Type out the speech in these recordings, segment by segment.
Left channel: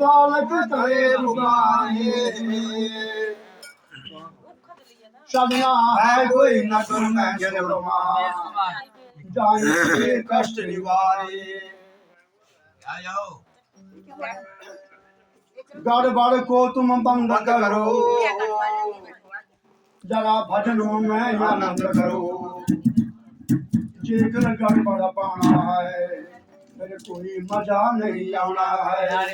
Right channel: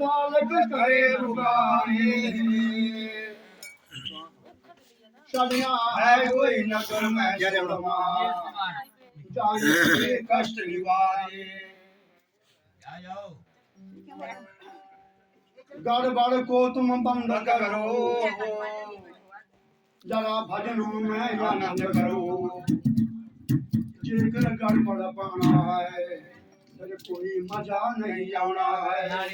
बालक करे पुकारे सजना है कोई न तुम मैं जन्मा जाए कष्ट निवारे गड़बड़ को तुम बंद करो जरा भजनों में आनंद करो जेकर गड़बड़ पाना है फिर कोई मजा नहीं आना है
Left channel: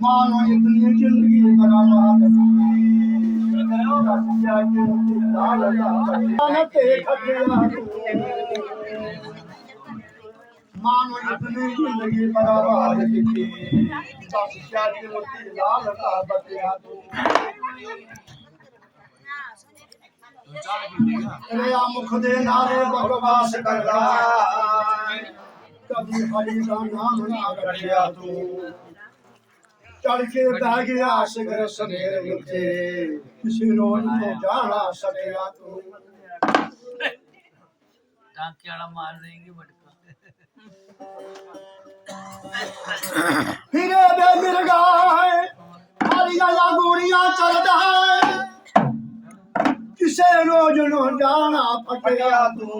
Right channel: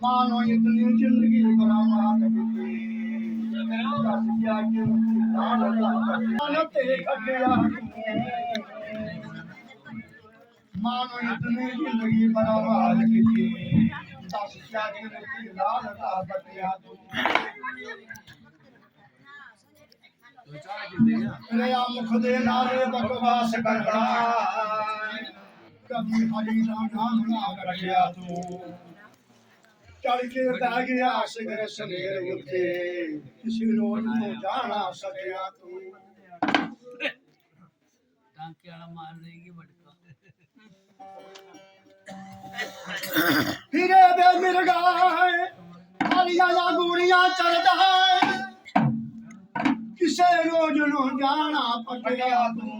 मानो इतनी जिंदगी बर्बाद मानो इतनी जिंदगी बर्बाद की दस क्या कीमती लाल का बतिया तू तेरा मुख दे नारे बकवास करता कभी हरि का नाम ना रखिया तू चढ़ के बह गया सगर सवेर उठे किसी रोज तो जाना सकिया तू टांके वाला मार देगी बटका फिरे बे बिरगा है हरिया गुड़िया चढ़ता है किसे रोज नो जाना फटिया तू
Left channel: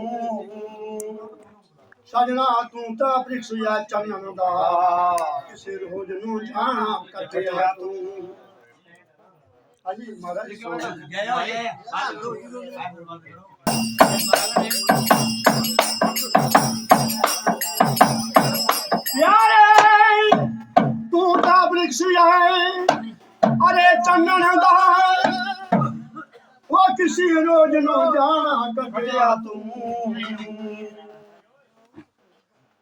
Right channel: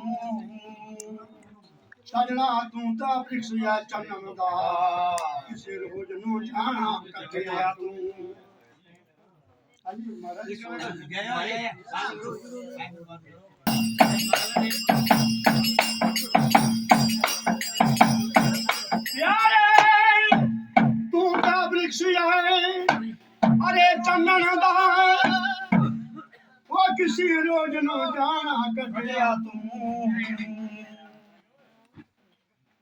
सजना तू ता वृक्ष या चन्नन दा किसी रोज नु जाना कटिया तू अजी महाराज गया है यारे तू ता वृक्ष या अरे चन्नन दा वो किसी रोज नु जाना कटिया तू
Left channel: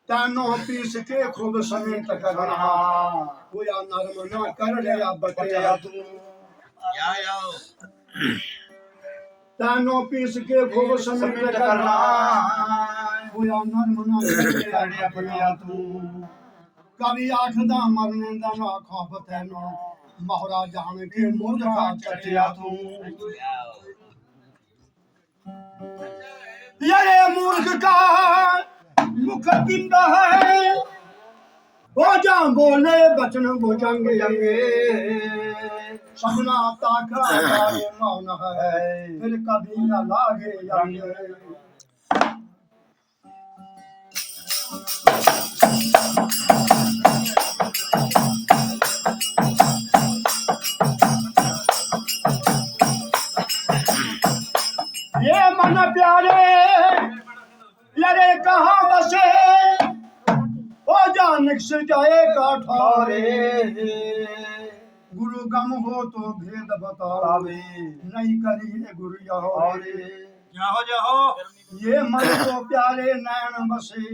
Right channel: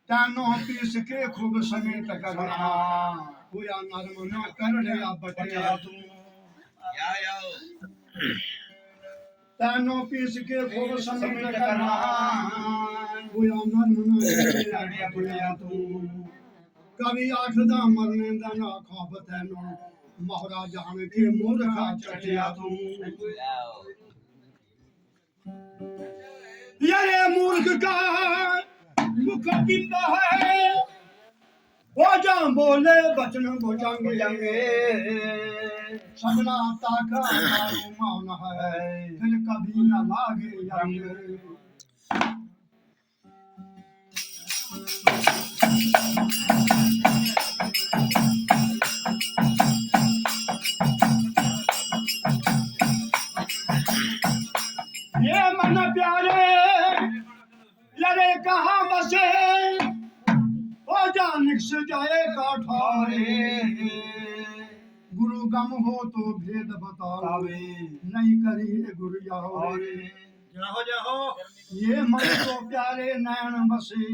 तानो पीस के खूब समेत करना पूरा नरम न कर लिया बटिया तू तानो पीस के खूब समेत करना पूरा नरम न कर लिया बटिया तू कभी आखदा मरने दा ना खौफ तैनो मोहरा जान के मूर्खा चटिया तू यारे मूर्ख का मुख बिंदा है वो जा बोले बचन बुझंगे सपना ताका मौन है फिर कभी न लागे जाएंगे ये मन प्यारे यारे कहाँ बसे ओ जानिक से जाएगा ठारे गुरु गम हो तो भेद बतावे नहीं करिए गुरु यहोरे जाओ जाओ ये मन को प्यारे नैन बसे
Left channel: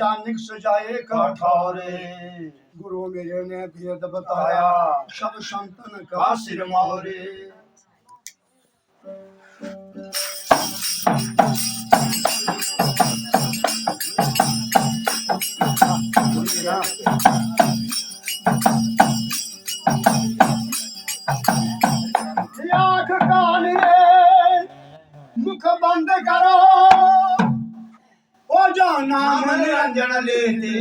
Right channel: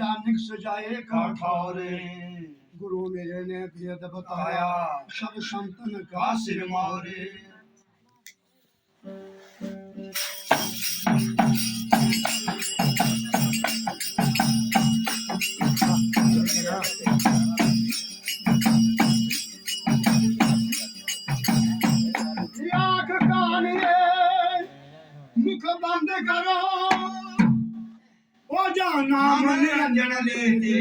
जानिक से जाएगा ठारे गुरु मेरे ने भेद बताया सब संतन का सिर मारे आँख कान मुख बंद करो ओ जाना निरंजन लेते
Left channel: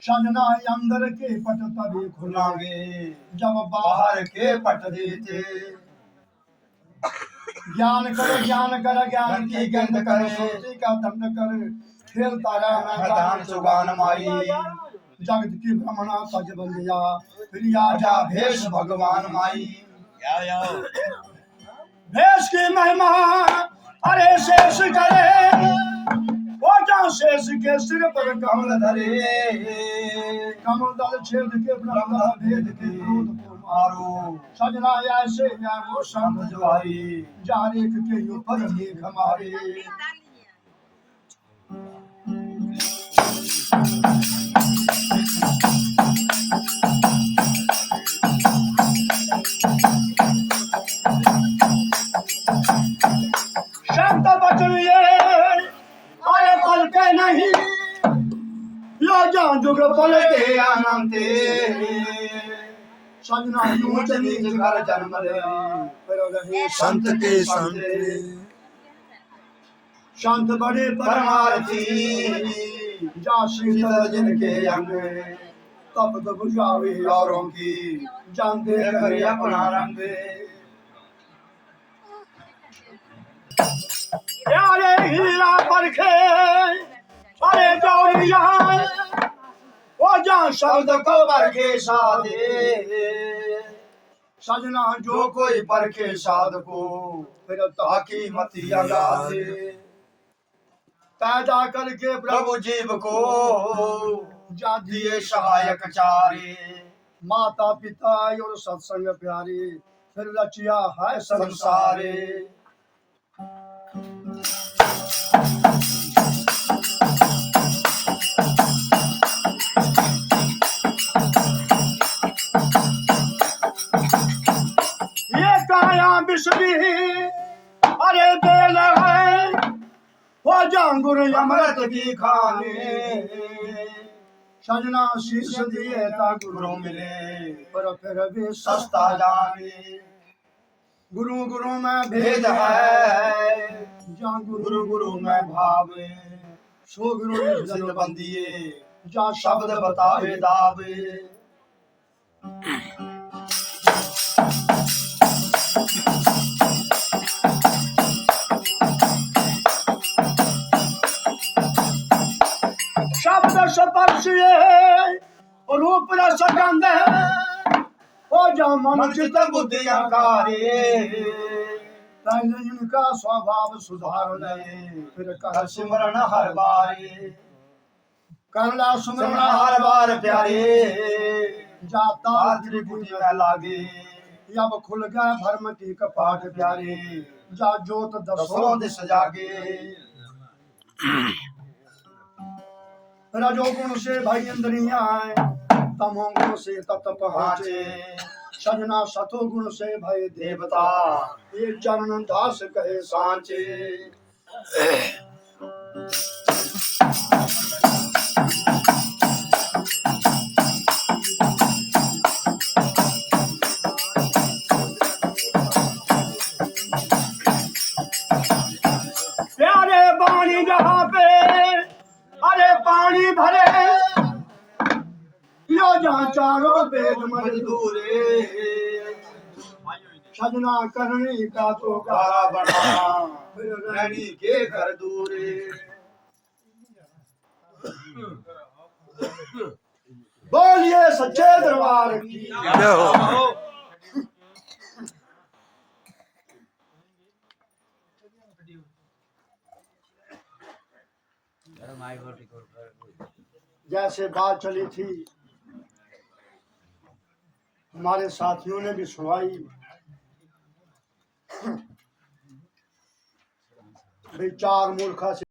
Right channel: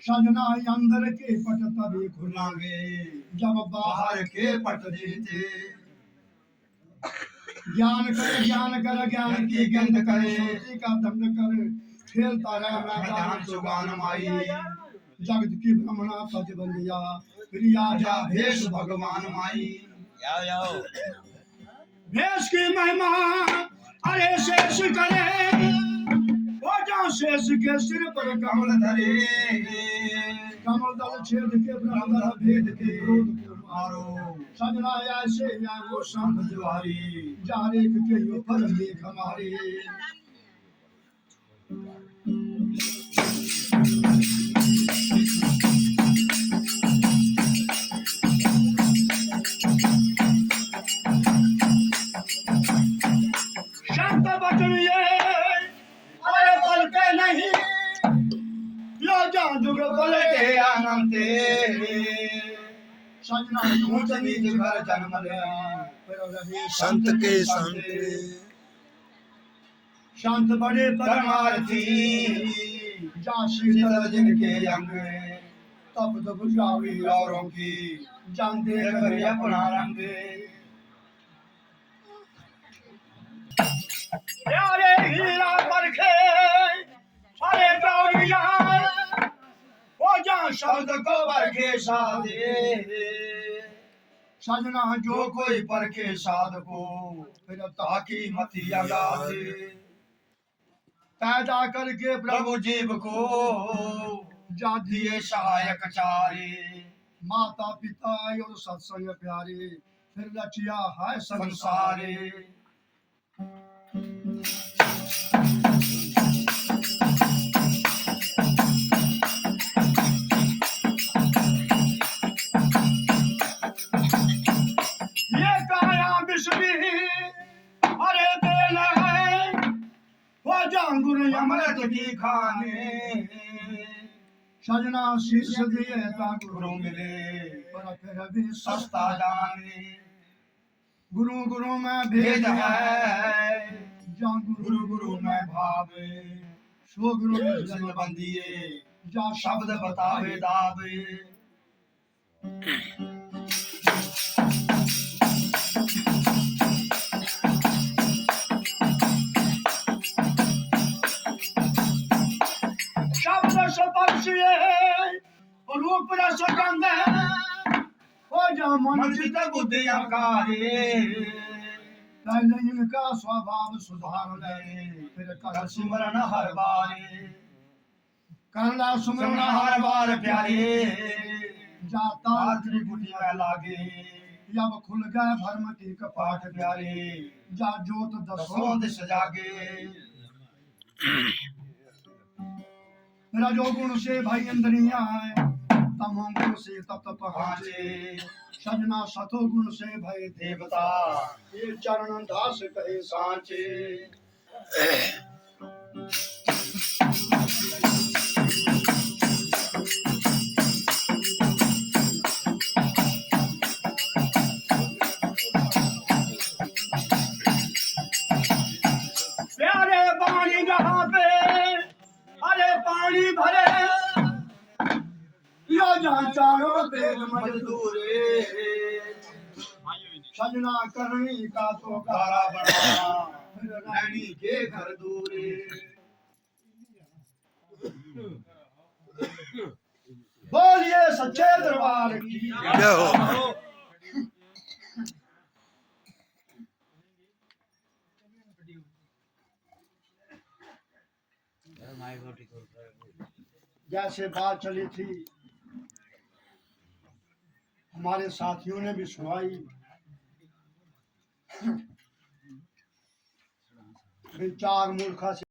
सजना अंदर के पट तभी खुलावे जब बाहर के पट देते ज्ञान कर ज्ञान की गंध कर सोची का दंड कर खेल तारा मैदान सुगान माई जगत की भ्रमणा पज बंदिया प्रिया जा भेष भगवान माई भेष की महिमा अरे शेष करे वो जा शेष के सिर पर कमल धरे कमल दल छेद के ब्रह्म भेद के क्रोध को मारो सजना ऐसे या वो संत ज्वारी जारेक के ऊपर मेघ मारे जुग पल के आनंद सजना यूं नीच घर जन्म ले फिर रहे संत के संत संत बड़े परमार्थी जा शीतल जिनके अंग तब तो बुझावे औरों की जान दे कर अपना रंग यारे हीरा परखे अरे गौरिया वो जा शब्द को परखे साधे सजना जो कोई परखे साध को फिर ताकी मती लगा दे पैदा करके प्रभु जीव को जा दिए सहायक चारे माता पिता और सत्संग प्यारे फिर रचिया है संसारे ये काया विश्वी अरे बेल है वो जांगुर अमृत की खाने सजना शीश दिए ता गुरु मिले पर फिर भी सस्ता जाने गुरु गुरु में भेद है जा गुरु गुरु में भाव सो गुरु निर्जल बंदिए जा शब्द बतावे दावे शब्द स्पर्श रूप रस गंध हो जा मन चित बुद्धि अहंकारे पहले इनका स्वभाव सुधार ले फिर कर सिमरन हर बारे करला सुमरन हर बार प्यारे जाता त्रिभुज में लागे अब खुल गए भरम की कपाट प्यारे जा जोत दसों दिस जागे रजोगुण से भाई इंद्रियां हैं तमोगुण से तत्व पहुंचे सजना सतोगुण से भय देवता ये चरण दास कहे सांचे प्यारे पानी जहाँ पे अरे पानी भरे यो जहाँ चारों वेद मजदूरे सजना करनी का तो गारा बना फिर रैनी के घर दूरे बोलिए सच्चे दरबार की जैसे बात चली थी हमारे साथियों ने भी सुनाई भाई चार मूर्खा से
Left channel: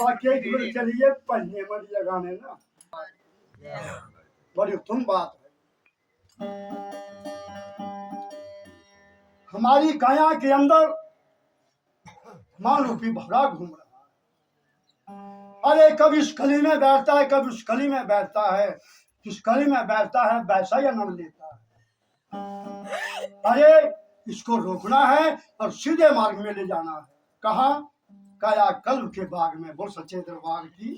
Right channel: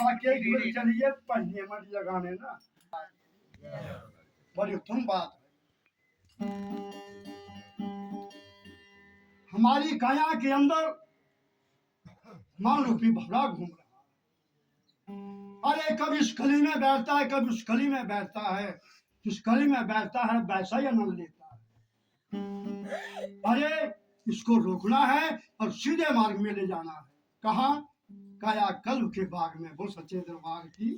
बाकी चलिए पढ़ने मत लगाने ना बड़ी उत्तम बात है हमारी काया के अंदर मान रूपी भवरा घूम रहा अरे कभी इस कली में बैठता है कभी उस कली में बैठता है जिस कली में बैठता है वैसा ही आनंद लेता है अरे इसको रोकना है और सीधे मार्ग में ले जाना है कहा काया कल्प के बाग में बोल सच्चे दरबार की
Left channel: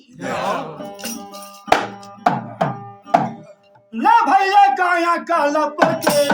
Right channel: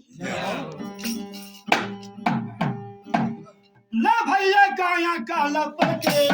ना भैया काया कल्प के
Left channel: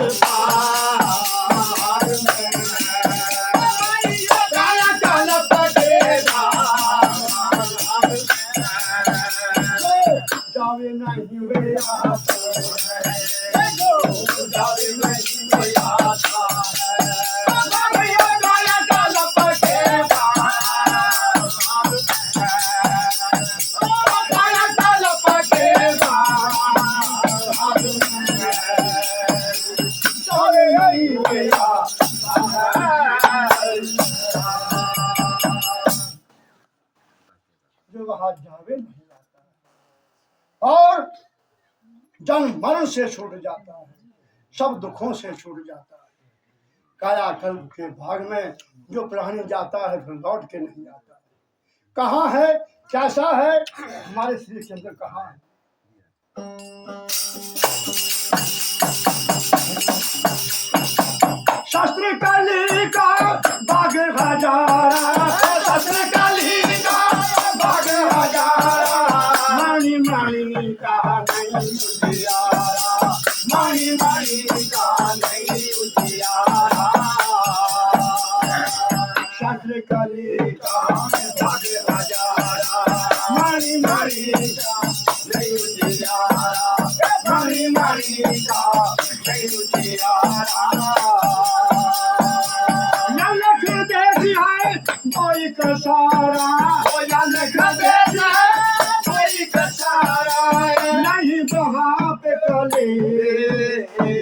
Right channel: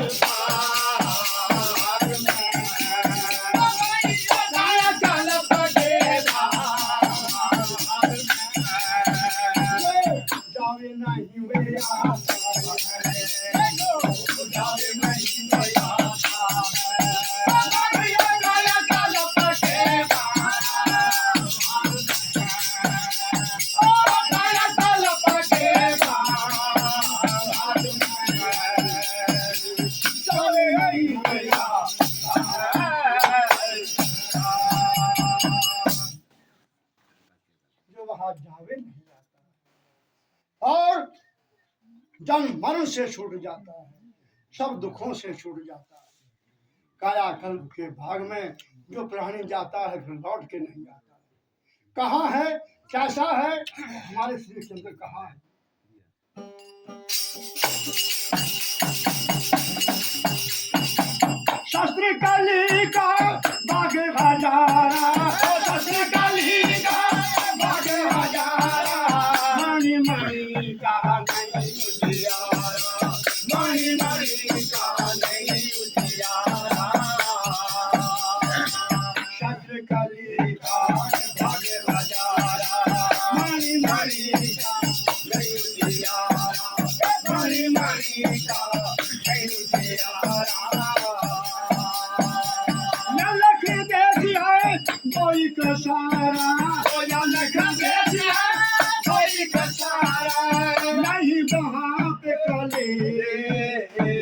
बाग जावे नहीं आता और जन्म मरण से छूट जाता है सब दुखों से छूट जाता है काया कल्प के भाग में जो प्राणी जाता है फिर लौट के नहीं आता कहाँ है, कैसा है, हमारे श्री चंद्र कहाँ है। शस्त्र कली का बाग हजारा, शस्त्र कली का बाग हजारा, मणि मणि का नहीं उजियारा, मणि मणि का नहीं उजियारा। शस्त्र कली का बाग हजारा, मणि मणि का नहीं उजियारा, मणि मणि का नहीं उजियारा। कोई कसारा, कोई कसारा नहीं वहाँ पे कलेश है,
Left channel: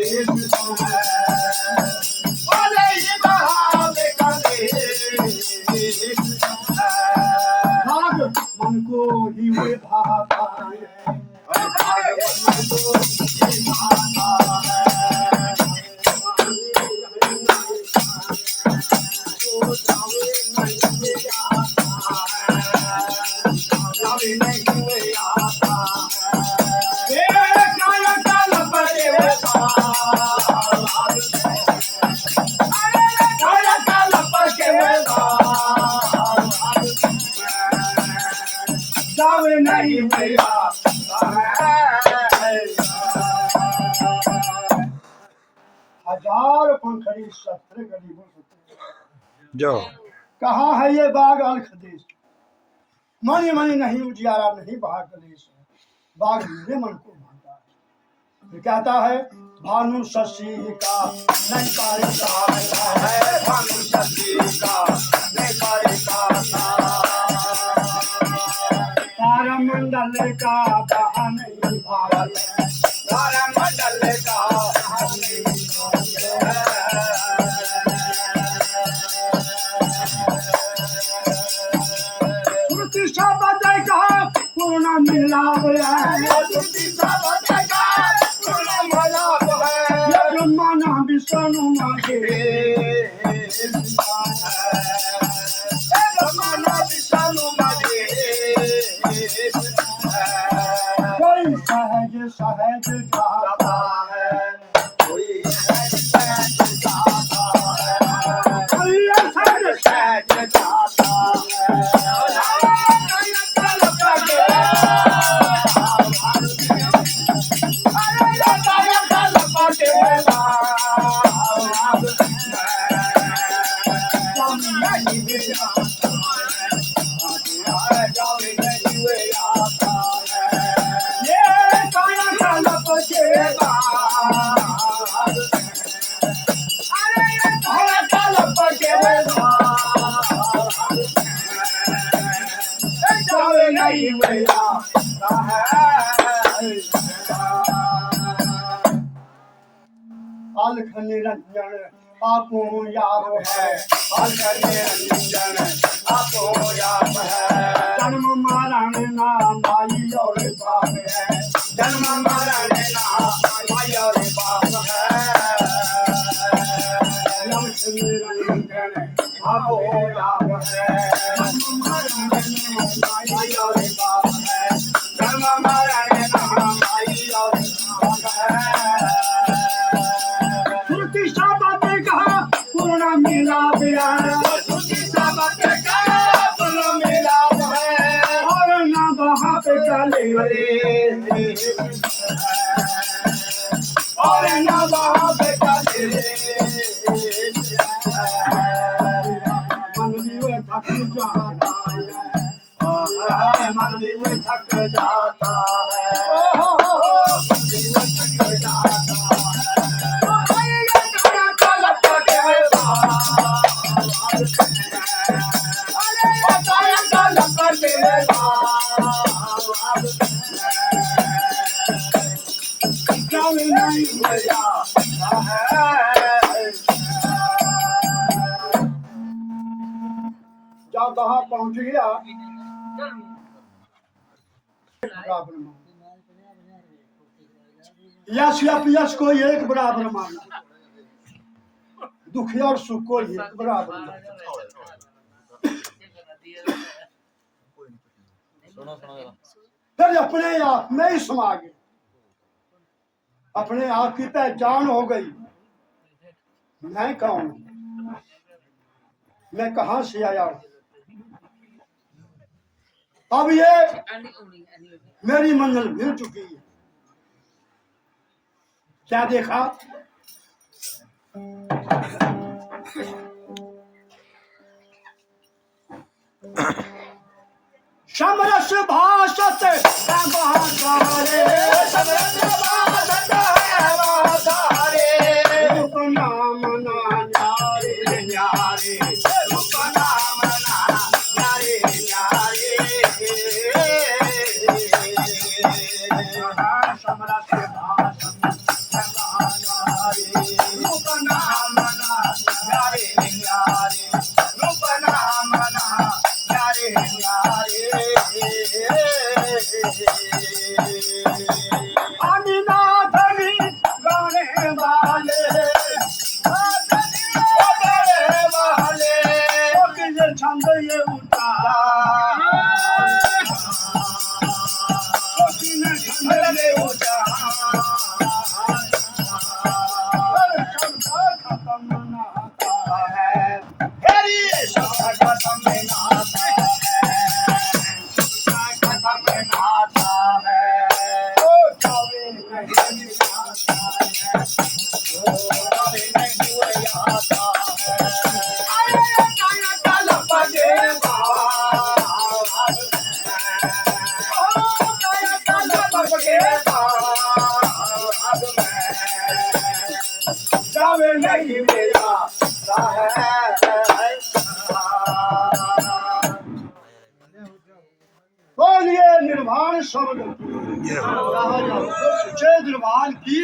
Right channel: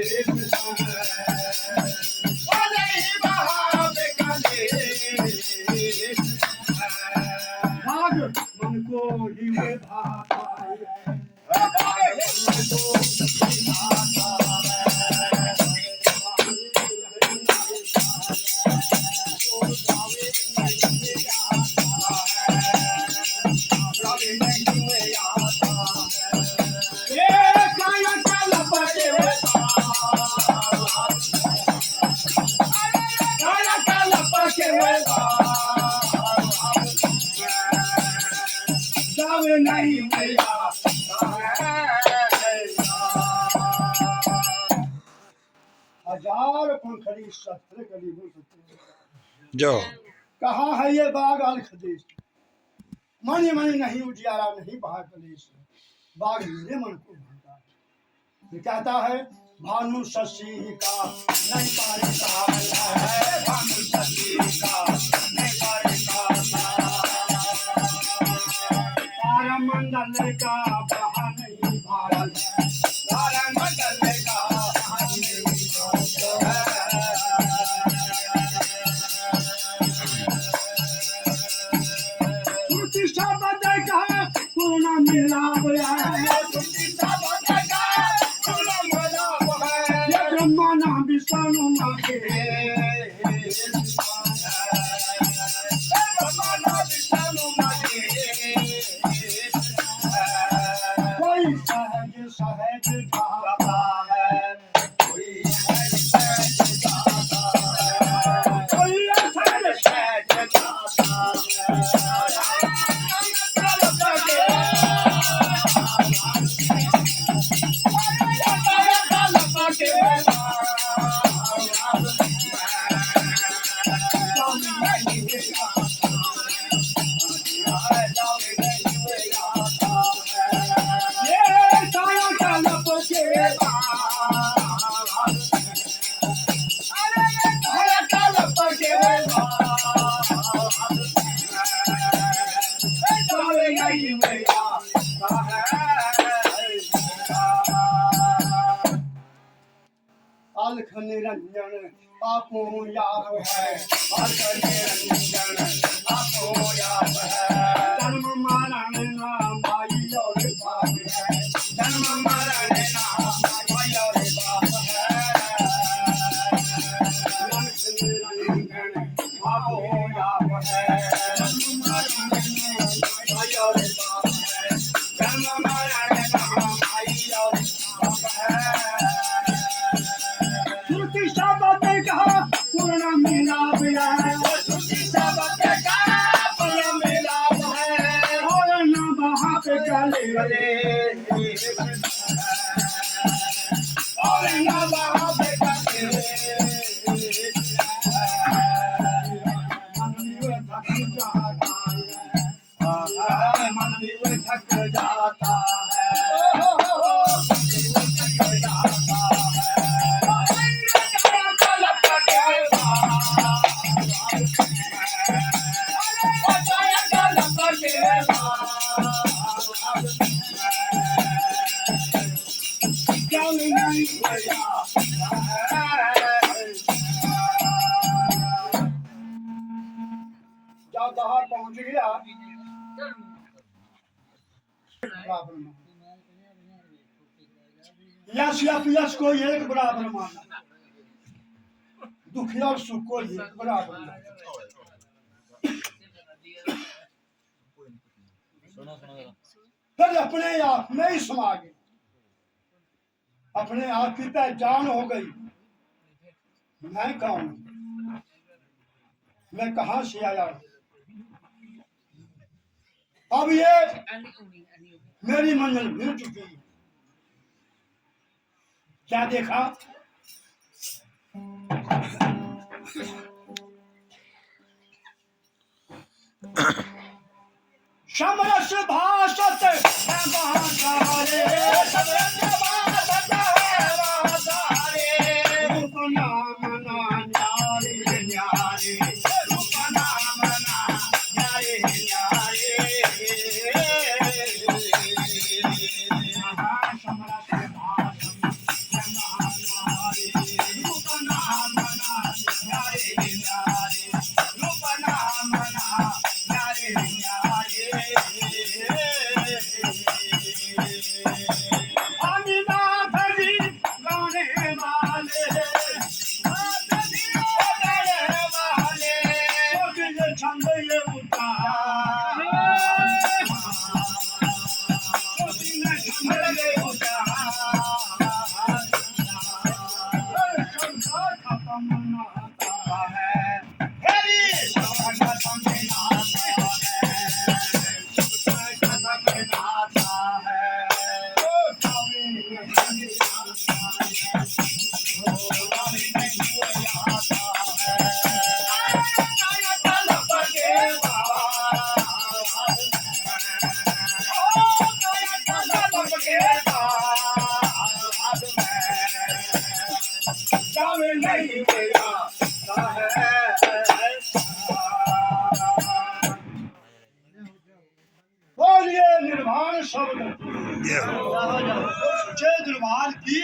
नहीं वहाँ पे कलेश है। भाग मन को ही वे भाता है, भाग मन को ही भाता है। नहीं हजार पंखड़ी शस्त्र गली बोल सकते। जाओ कहाँ है ये बाग अलख देश, मणि मणि नहीं उजियारा, नहीं बहा कलेश, बाग मेरे मन को भाता है। फिर कहता है भानु शशि का नहीं पारे का है, भानु शशि का नहीं पारे का, तारामंडल का बहा नहीं भारत है, तारामंडल का बहा नहीं पूर्ण मिलाप है, पूर्ण मिलाप है, ये ब्रह्मांड विष्णु मांगे, ब्रह्मांड विष्णु मांगे। कोई सहज सहज जाता है, कोई सहज सहज जाता है, कोई सहज सहज जाता है। अलख निरंजन आपो याप है, अलख निरंजन आपो याप है। जन्म मरण नाम माई और बाप है, जन्म मरण नाम माई और बाप है। अलख निरंजन आपो याप है, जन्म मरण नाम माई और बाप है, जन्म मरण नाम माई और बाप है। पूर्ण मिलाप है, पूर्ण मिलाप है, और ना वहाँ पे गले, और ना वहाँ पे गले। मन भी वो थक जाता है, मन भी वो थक जाता है, जब वहां पहुंच गया यश यश को एक बराबर माना, दुखी और सुख को एक बराबर माना। फिर अपने आप में ही समा गए, अपने आप की पहचान हो गई। मैं कौन, मैं कहां से आया हूं। अब ये मेरी मंजिल मिल चुकी है। क्या देखा, समरस भाषत है महासारे, समरस भाषत है महासारे, रूप नाम ना न्यारे न्यारे, रूप नाम ना न्यारे न्यारे। समरस भाषत है महासारे, रूप नाम ना न्यारे न्यारे, रूप नाम ना न्यारे न्यारे। आदिनाथ जी गाने वाले, गाने वाले, कोकिल छंद ये उतारा, कोकिल छंद ये उतारा, शब्द खत्म ना होता है, तेरी शब्द खत्म ना होता है, शब्द खत्म ना होता है, ओ जावे नहीं आता है, ओ जावे नहीं आता है। आया काया काला पगे बाल, ओ काया काला पगे बाल में, जावे नहीं मेरा है। बोलिए निर्वाण शब्द, सच्चे दरबार की।